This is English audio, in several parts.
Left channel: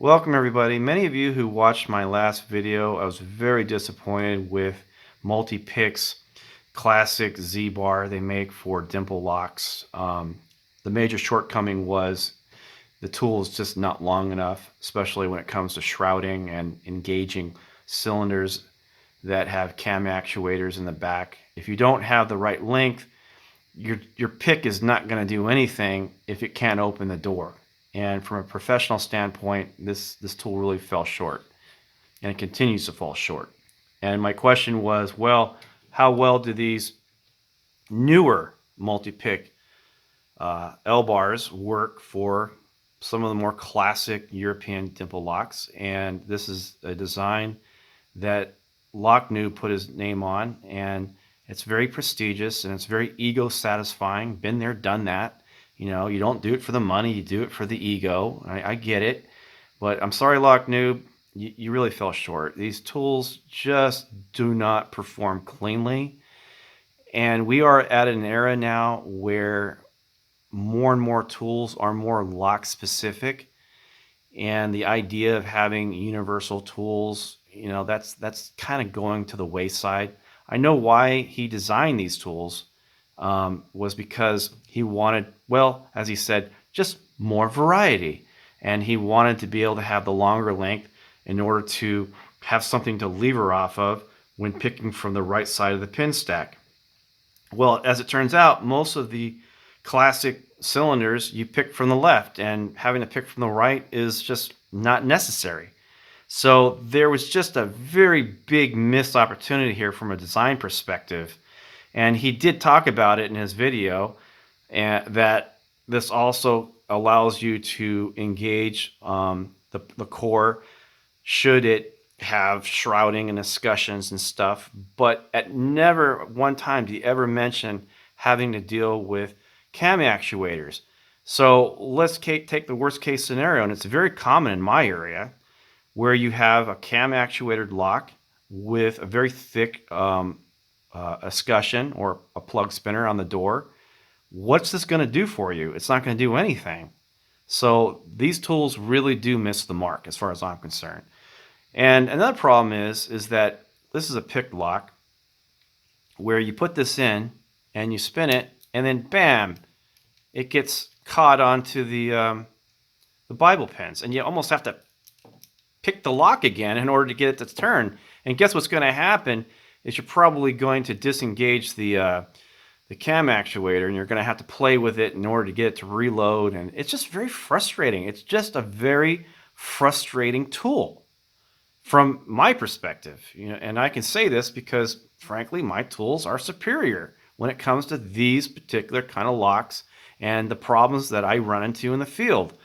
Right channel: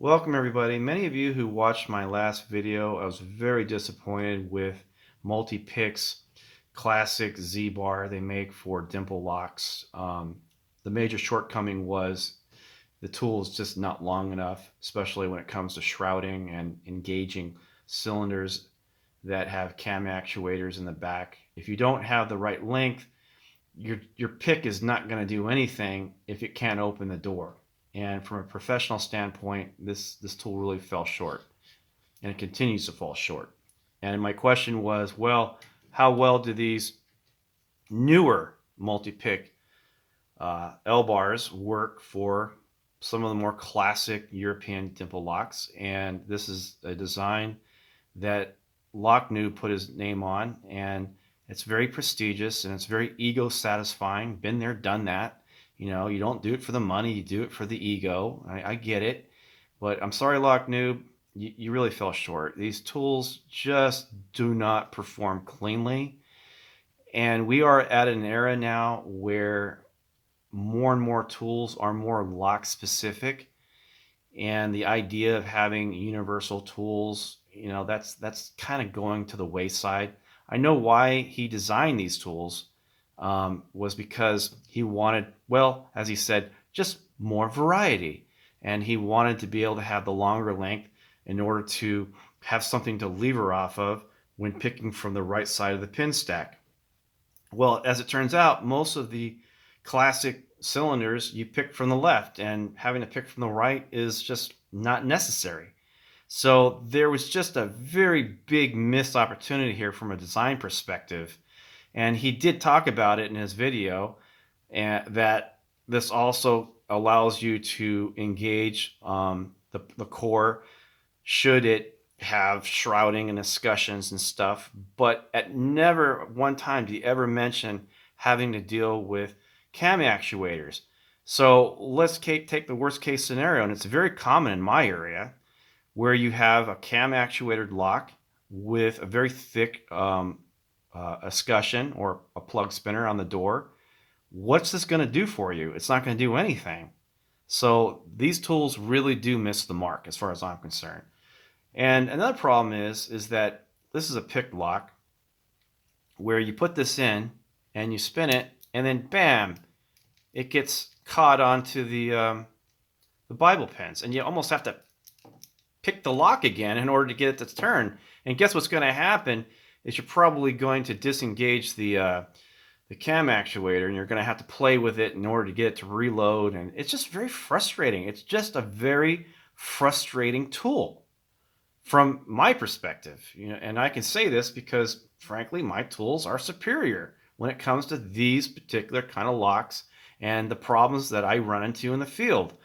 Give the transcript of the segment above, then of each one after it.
Welcome everybody. Many of you who watched my last video, I was very disappointed with Multipick's classic Z-bar they make for dimple locks. The major shortcoming was the tool is just not long enough, especially when it comes to shrouding and engaging cylinders that have cam actuators in the back. If you don't have the right length, your pick is not going to do anything if it can't open the door. And from a professional standpoint, this tool really fell short, and it continues to fall short. And my question was, well, how well do these newer multi-pick L bars work for some of the more classic European dimple locks? And this is a design that Noob put his name on, and it's very prestigious and it's very ego satisfying. Been there, done that. You know, you don't do it for the money, you do it for the ego. I get it. But I'm sorry, Noob, you really fell short. These tools just do not perform cleanly. And we are at an era now where more and more tools are more lock specific. And the idea of having universal tools, you know, that's kind of going to the wayside. I know why he designed these tools. Was because he wanted, well, as he said, just more variety. And he wanted to be able to have the longer length in order to have something to lever off of when picking from the right side of the pin stack. Well, as it turns out, most of the classic cylinders you pick from the left, and having to pick from the right is just not necessary. So there was just a very big missed opportunity here from a design perspective. And he did talk about it in his video, and that this also allows you to engage the core should it have shrouding and discussions and stuff. But at never one time did he ever mention having to deal with cam actuators. So let's take the worst case scenario, and it's very common in my area, where you have a cam actuated lock with a very thick escutcheon or a plug spinner on the door. What's this going to do for you? It's not going to do anything. So these tools really do miss the mark as far as I'm concerned. And another problem is that this is a pick lock where you put this in and you spin it, and then bam, it gets caught onto the Bible pins, and you almost have to pick the lock again in order to get it to turn. And guess what's going to happen is you're probably going to disengage the cam actuator, and you're going to have to play with it in order to get it to reload. And it's just very frustrating. It's just a very frustrating tool from my perspective. You know, and I can say this because, frankly, my tools are superior when it comes to these particular kind of locks and the problems that I run into in the field.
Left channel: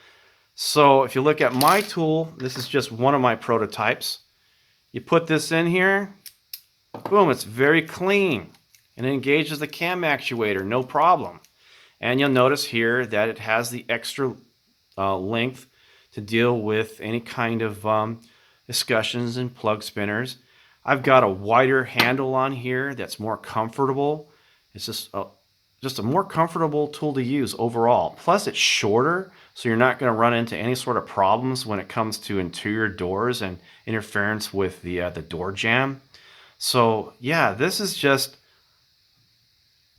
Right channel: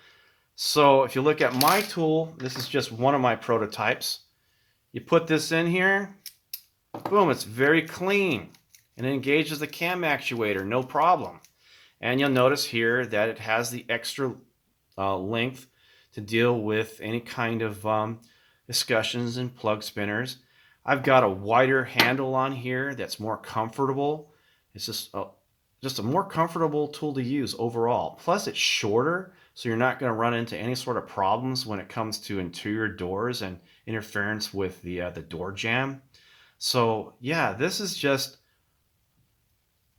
So if you look at my tool, this is just one of my prototypes. You put this in here, boom, it's very clean, and it engages the cam actuator, no problem. And you'll notice here that it has the extra length to deal with any kind of escutcheons and plug spinners. I've got a wider handle on here that's more comfortable. It's just a more comfortable tool to use overall. Plus it's shorter, so you're not going to run into any sort of problems when it comes to interior doors and interference with the door jamb. So yeah, this is just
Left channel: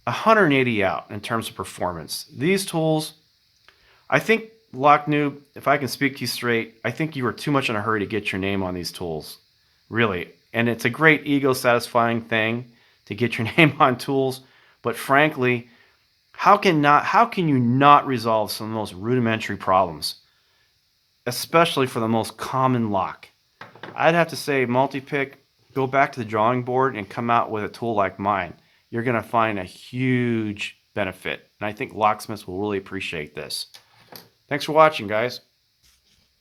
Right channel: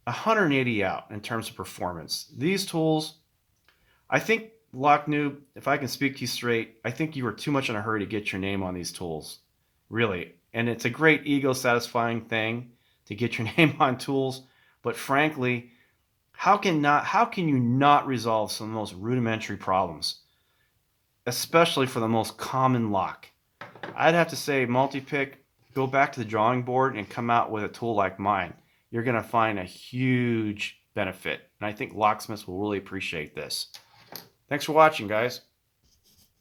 180 out in terms of performance. These tools, I think, Noob, if I can speak to you straight, I think you were too much in a hurry to get your name on these tools. Really. And it's a great ego satisfying thing to get your name on tools, but frankly, how can you not resolve some of the most rudimentary problems, especially for the most common lock? I'd have to say, Multipick, go back to the drawing board and come out with a tool like mine. You're going to find a huge benefit, and I think locksmiths will really appreciate this. Thanks for watching, guys.